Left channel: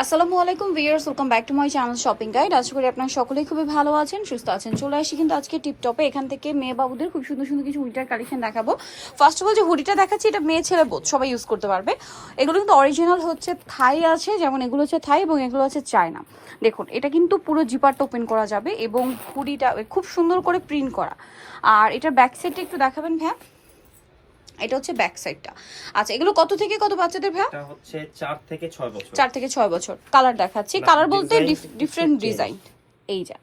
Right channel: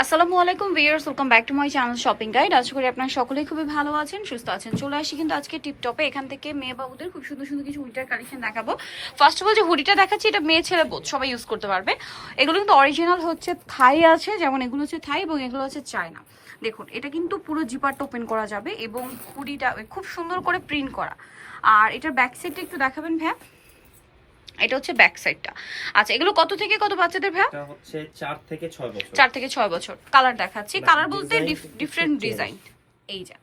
আসসালামু আলাইকুম viewers, welcome back to my channel shopping guide. আশা করি আপনারা সকলেই খুবই ভালো আছেন, সুস্থ আছেন। চলে আসি কিন্তু আজকে টিপটপে। এখান থেকে মেয়ে বাবুদের খুব সুন্দর সুন্দর কিছু উইন্টার কালেকশন দেখাবো। ফার্স্ট অফ অল যে হুডিটা দেখাচ্ছি, এটা মেয়ে ছেলে বোথ সবাই ইউজ করতে পারবে। এগুলো কিন্তু অরিজিনাল হচ্ছে থাই আছে, যেমন এগুলো হচ্ছে থাই এবং এগুলো হচ্ছে চায়না। দেখুন, এটা কিন্তু পুরো জিপারটা ওপেন করা যাবে এবং হুডিটা খুব সুন্দর করে প্রিন্ট করা। আর এটার ব্যাক সাইডটা একটু দেখাবেন ভাইয়া। এটা হচ্ছে ব্যাক সাইডটা। আচ্ছা, এগুলো কত থেকে কত বাচ্চাদের ভাইয়া? এটা হচ্ছে 4 থেকে 6 বছর। 4 থেকে 6 বছর। কালার দেখাচ্ছি, কালার বলতে ডিফারেন্ট ডিজাইন। এই যা,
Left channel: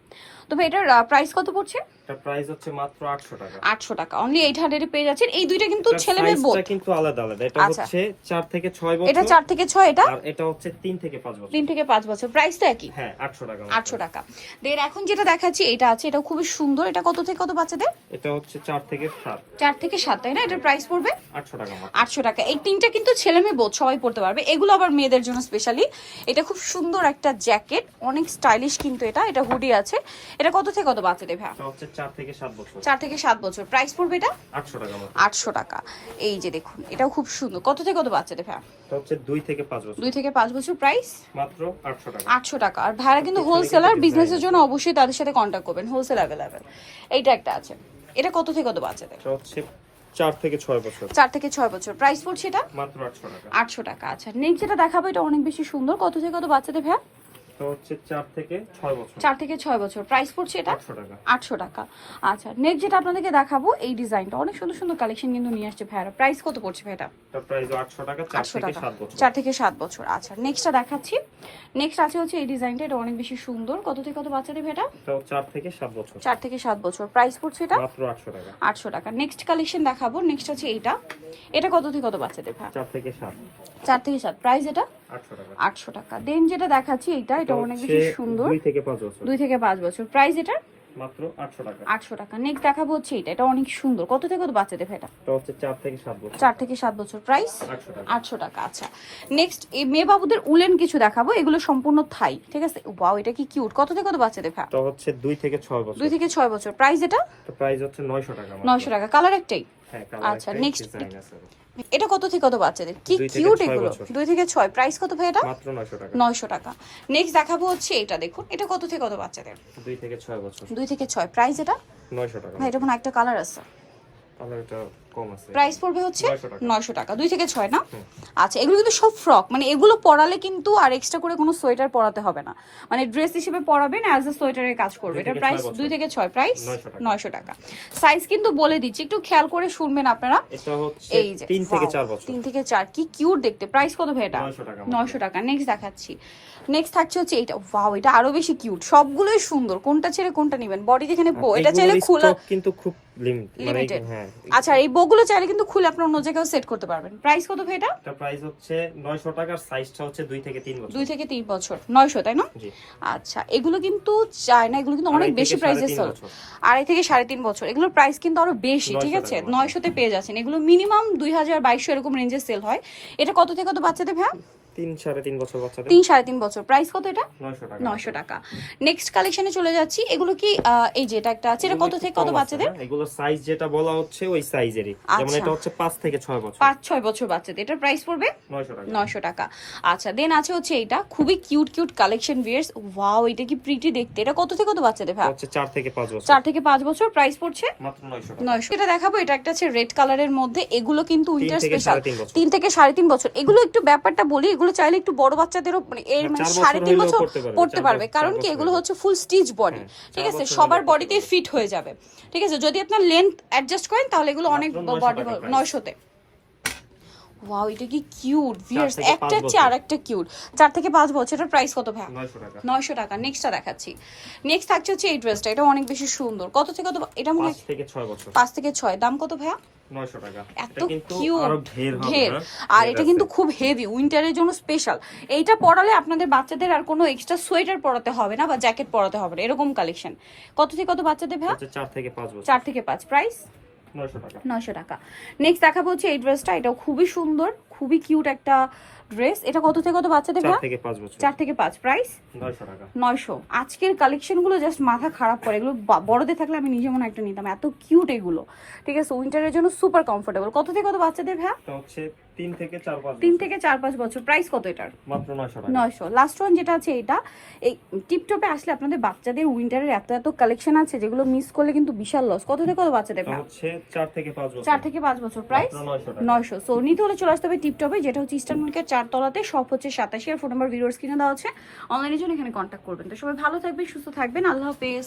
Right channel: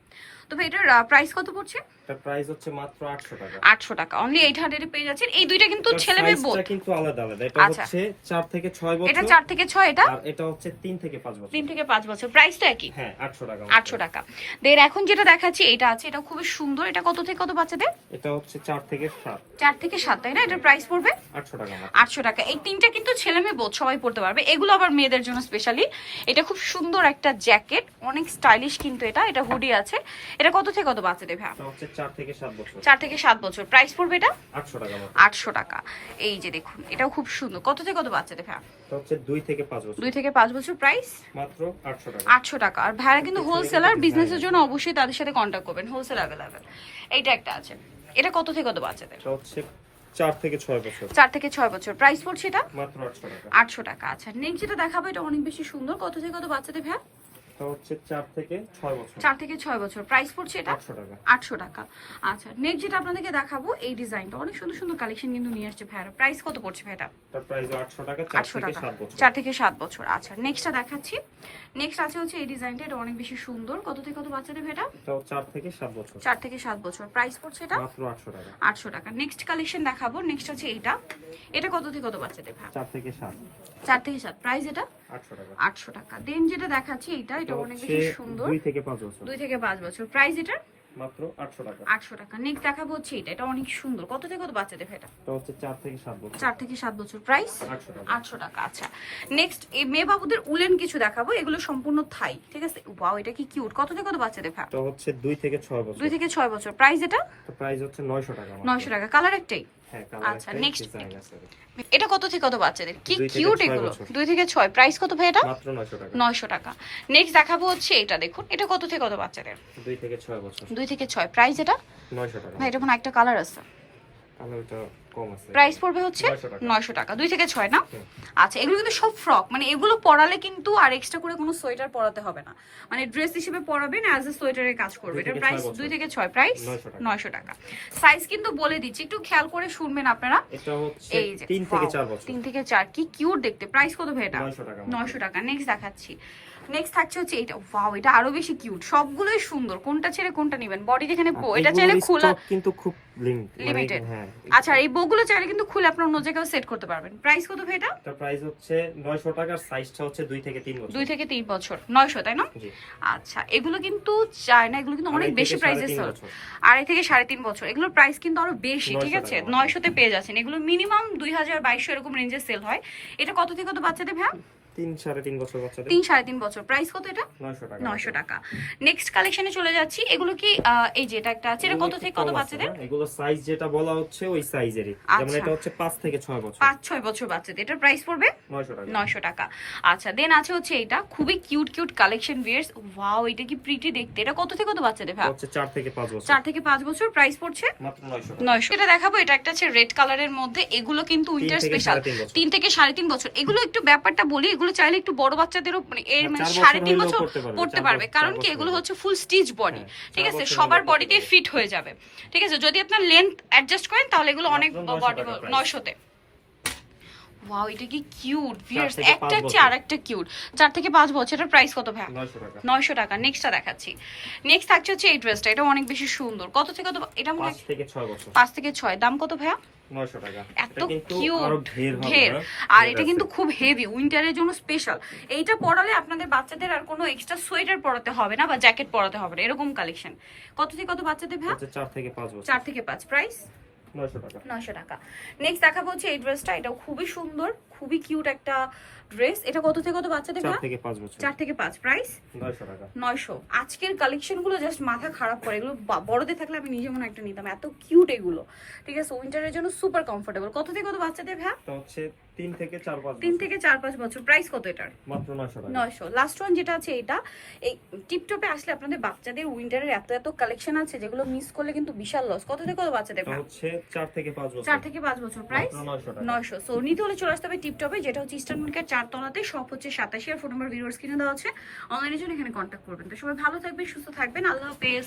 তবে এটার প্রাইস কত পড়ছে? এটা প্রাইস হচ্ছে মাত্র 800 টাকা। 800 টাকা অনলি 800 এ পেয়ে যাচ্ছেন। এই দুইটা কিন্তু ছেলে মেয়ে বোথ। এটা কিন্তু আলাদা আলাদা। এটা হচ্ছে 4 থেকে 6 বছর। এটা 4 থেকে 6, এটা আর এটা হচ্ছে 3 থেকে 5 বছর। 3 থেকে 5 বছর। প্রাইস তো একই। হ্যাঁ, 800 টাকা। 800 টাকা। দেন এখন যেটা দেখাচ্ছি এটা আছে, এটা খুবই সুন্দর। এটা কত থেকে কত বাচ্চাদের? এটা হচ্ছে 4 থেকে 7। 4 থেকে 7, তাই না? এটার প্রাইস পড়বে 800 টাকা মাত্র। 800 টাকা। এই তিনটা কিন্তু ছেলে মেয়ে বোথ সবাই পড়তে পারবে। এগুলো আবার মেয়েদের জন্য স্পেশালি। এটা খুব সুন্দর একটা জ্যাকেট, অনেক স্টাইলিশ কিন্তু এটা হুডি আছে। এটা কত থেকে কত বাচ্চাদের ভাই? এটা হচ্ছে 4 থেকে 7 বছর। 4 থেকে 7 বছর। প্রাইস পড়বে এটা 800 টাকা মাত্র। 800 টাকা। এই যে দেখুন, এটাও খুব সুন্দর। কত থেকে কত বাচ্চাদের ভাই? এটা হচ্ছে 2 থেকে 5 বছর। 2 থেকে 5 বছর। প্রাইস মাত্র 800 টাকা। 800 টাকা। আর ভাইরা কিন্তু হোলসেলার, বিজনেসের জন্য অবশ্যই তাদের সাথে কন্ট্যাক্ট করবেন, হোলসেল অ্যাভেলেবেল। এইটা একটা আছে। এটা কত থেকে কত বাচ্চাদের? এটা হচ্ছে 4 থেকে 6 বছর। 4 থেকে 6 বছর। প্রাইস পড়ছে এটা মাত্র 800 টাকা। 800 টাকা। আচ্ছা, নেক্সট যেটা দেখাবো এটা অনেক বেশি সুন্দর। কত থেকে কত বাচ্চাদের ভাই? এটা হচ্ছে 4 থেকে 6 বছর। 4 থেকে 6 বছর। প্রাইস পড়ছে এটা 800 টাকা। 800 টাকা। আচ্ছা, নেক্সট যেটা আপনাদেরকে দেখাবো, এই ডিজাইনটা অনেক সুন্দর সুন্দর কালেকশন কিন্তু নিয়ে আসছে ভাইরা। প্রাইস কত পড়ছে ভাই এটা? এটা প্রাইস 800 টাকা। 4 800 থেকে টাকা। 7 বছর। 4 থেকে 7 বছর। আচ্ছা, নেক্সটটা দেখাচ্ছি। নেক্সট আছে হচ্ছে এই ডিজাইনটা, এটা অনেক বেশি সুন্দর। কত থেকে কত বাচ্চাদের ভাই এটা? এটা 4 থেকে 7 বছর। 4 থেকে 7 বছর। প্রাইস পড়ছে এটা মাত্র 800 টাকা। 800 টাকা। নেক্সট কালেকশন দেখাবো। নেক্সট আছে এইটা। এটা কত থেকে কত বাচ্চাদের ভাই? 4 থেকে 7। 4 থেকে 7। প্রাইস এটা 800 টাকা। 800 টাকা। দেন যেটা দেখাচ্ছি এটা অনেক বেশি সুন্দর। 2 থেকে 5 বছর। 2 থেকে 5 বছর। প্রাইস এটা মাত্র 800 টাকা। 800 টাকা। নেক্সট দেখাবো হচ্ছে এটা অনেক সুন্দর। কত থেকে কত বাচ্চাদের ভাই এটা? এটা হচ্ছে 4 থেকে 7 বছর। 4 থেকে 7 বছর। প্রাইস 800 টাকা। 800 টাকা। আচ্ছা, নেক্সট এই মেয়ে বাবুদের উলেন কিছু দেখাবো। এগুলো সম্পূর্ণ থাই, ঠিক আছে? ওয়াও, এটা কি কিউট। কত থেকে কত বাচ্চাদের ভাই? এটা হচ্ছে 2 থেকে 6 বছর। 2 থেকে 6 বছর। প্রাইস এটা তো প্রাইস হচ্ছে 900 টাকা মাত্র। 900 টাকা। কালার একটাই। হ্যাঁ, কালার আচ্ছা, একটা নেক্সট ডিজাইন আছে। এটা কত থেকে কত বাচ্চাদের? কি 2 থেকে কিউট 6 এগুলো। বছর। 2 থেকে 6। প্রাইস কত ভাই এটা? মাত্র 900 টাকা। 900 টাকা। নেক্সট দেখাবো হচ্ছে এটা, দেখুন এটা কত থেকে কত বাচ্চাদের? 2 থেকে 6 বছর। 2 থেকে 6। প্রাইস এটা 900 টাকা। ভাই, এটা কোনো একটা কালার আছে। কালারটা কম আছে। প্রাইস পড়বে হচ্ছে 900 টাকা। 900 টাকা। 2 থেকে 6 না? আচ্ছা, এগুলো কিন্তু সব ফ্রক, মানে এগুলো পরালে কিন্তু আর এক্সট্রা করে কোনো সোয়েটার পরাতে হবে না, মানে ড্রেস হিসেবে পরাবেন, অ্যাজ এ সোয়েটারের কাজ করবে। এটা প্রাইস 2 থেকে 6। প্রাইস 900 টাকা। সাইজ কিন্তু বলে দিচ্ছি, একটু খেয়াল করে শুনবেন আপনারা। এটা হচ্ছে এই যে 3 থেকে 4 বছর। 3 থেকে 4। কি কিউট দেখতে। প্রাইস কত ভাই এটা? 900 টাকা। 900 টাকা। নেক্সট দেখাচ্ছি। নেক্সট থাকছে হচ্ছে এটা। ওয়াও, এটা আরো বেশি কিউট। সবগুলোই সুন্দর। কোনটা ছেড়ে কোনটা নেবেন? বডি এখানে এটা চাইলে খোলা, কিন্তু খুব লিমিটেড। হ্যাঁ। আচ্ছা, এই বগুলো চাইলে কিন্তু খুলে আপনার অন্য জায়গায় সেট করতে পারবেন। প্রাইস কত ভাই এটা? এটা প্রাইস হচ্ছে 900 টাকা। সাইজটা হচ্ছে 2 থেকে 3 বছর। 2 থেকে 3 বছর। 900, তাই না? জি। আচ্ছা, এগুলো কিন্তু চায়না, এগুলো কিন্তু অনেক বেশি প্রাইসে সেল। 2.5 থেকে 3.5 বছর। এগুলোর প্রাইস কিন্তু আরো বেশি, ঠিক আছে? 900 তে পেয়ে যাচ্ছেন। এগুলো মিনিমাম 2000-2200 এরকম রেঞ্জে সেল হয়। এটা কত থেকে কত বাচ্চাদের ভাই? 3-3.5 বছর বাচ্চাদের। 3-3.5 বছর। প্রাইস কত এটা? 900 টাকা। 900 টাকা। নেক্সট কালেকশনে চলে যাচ্ছি। এগুলো কি এই যে এটা একটা আছে, এটা কত থেকে কত বাচ্চাদের? এগুলো সাইজ যেটা বলা হচ্ছে ওই সাইজেরই। যেমন এটা হচ্ছে 5 থেকে 6 বছর। 5-6 বছর বাচ্চাদের। এটার প্রাইস পড়বে 900 টাকা। 900 টাকা। আচ্ছা, দেন আছে হচ্ছে এটা খুবই cute cute collection viewers. Wow, এটা কি প্রিটি দেখতে। এটা কত থেকে কত বাচ্চাদের ভাই? এটা হচ্ছে 4 থেকে 5 বছর। 4 থেকে 5 বছর। প্রাইস পড়ছে মাত্র 900 টাকা। 900। এটা দেখাবো, এটা একটা আছে রেড কালারের মধ্যে। এগুলো কিন্তু উইন্টার 3 থেকে স্পেশাল। 3.5 বছর। 3 থেকে 3.5 বছর। এগুলো একটু ব্যাপারটা বলি, এগুলো চাইলে একটু বড় বাচ্চাদেরও মানে এর মানে 3.5 বছর পড়তে পারবে, কারণ কি এগুলো হচ্ছে ফুল স্টিচ বডি, ঠিক আছে? সবার বডিতে ফিট হয়ে যাবে, ঠিক আছে? যদি আপনার লেন্থ অ্যাডজাস্ট করেন তাহলে এগুলো অনেক বডি 900 তে। ওয়াও, এটা কি কিউট ভিউয়ার্স। একটা চেয়ে আরেকটা কিউট। 4 থেকে 5 বছর। এটার প্রাইস কত ভাই? 900 টাকা। 900 টাকা। নেক্সটটা দেখাচ্ছি। নেক্সট থাকছে হচ্ছে এই ড্রেসটা। এটা অনেক বেশি সুন্দর। কত থেকে কত? এটা মনে হয় 5 থেকে 6 বছর। 5 থেকে 6। দাম কত ভাইয়া? 900 টাকা। এত এটা কিন্তু কিউট, আরো ঢের হবে। ঢের। আর এটা কিন্তু খুব হেভি, উইন্টারের জন্য স্পেশাল। এইটা পরালে আপনাদের বাচ্চাদের আর কোনো এক্সট্রা সোয়েটার পরাতে হবে না বা জ্যাকেট পরাতে হবে না, এরকম কালেকশন। কত থেকে কত বাচ্চাদের ভাই? 4 থেকে 5 বছর। 4 থেকে 5। প্রাইস 900 টাকা। 900 টাকা। নেক্সট দেখাবো হচ্ছে এই ড্রেসটা। এটা খুবই সুন্দর, খুবই কিউট একটা ড্রেস। এটা কত থেকে কত বাচ্চাদের 4 থেকে 5 বছর। 4 থেকে 5, প্রাইস 900 টাকা। 900। আজকের কালেকশন গুলো জাস্ট মাথা খারাপ করে, এগুলো বড়দের থাকলে আমি নিজে মনে একটা নিতাম, এত কিউট এগুলো। ঠিক আছে, উইন্টারের জন্য সুপার কমফোর্টেবল। কত থেকে কত বাচ্চাদের ভাই? এটা হচ্ছে 3 থেকে 4-5 3 বছর। থেকে 4-5 বছর। প্রাইস কত এটার? মাত্র 900 টাকা। 900। লাস্ট ওয়ান যেটা আছে এটা, এই টিপটপে আসলে আপনাদের বাচ্চাদের উইন্টারের এত কালেকশন আছে যেগুলো মিস করলে কিন্তু বিশাল লস। কত থেকে কত বাচ্চাদের এটা ভাই? হচ্ছে 4 থেকে 5 বছর। 4 থেকে 5 বছর। প্রাইস মাত্র 900 টাকা। 900। সো নিতে হলে চলে আসতে হবে টিপটপে, যেটা হচ্ছে ইস্টার্ন মার্কেট 4 তলাতে, সব হচ্ছে 87 এর ফোন নাম্বার ভিডিওর স্ক্রিনে দেওয়া আছে, অনলাইনের জন্য এখানে কন্ট্যাক্ট করবেন। তো সবাই ভালো থাকবেন, সুস্থ থাকবেন, আল্লাহ হাফেজ।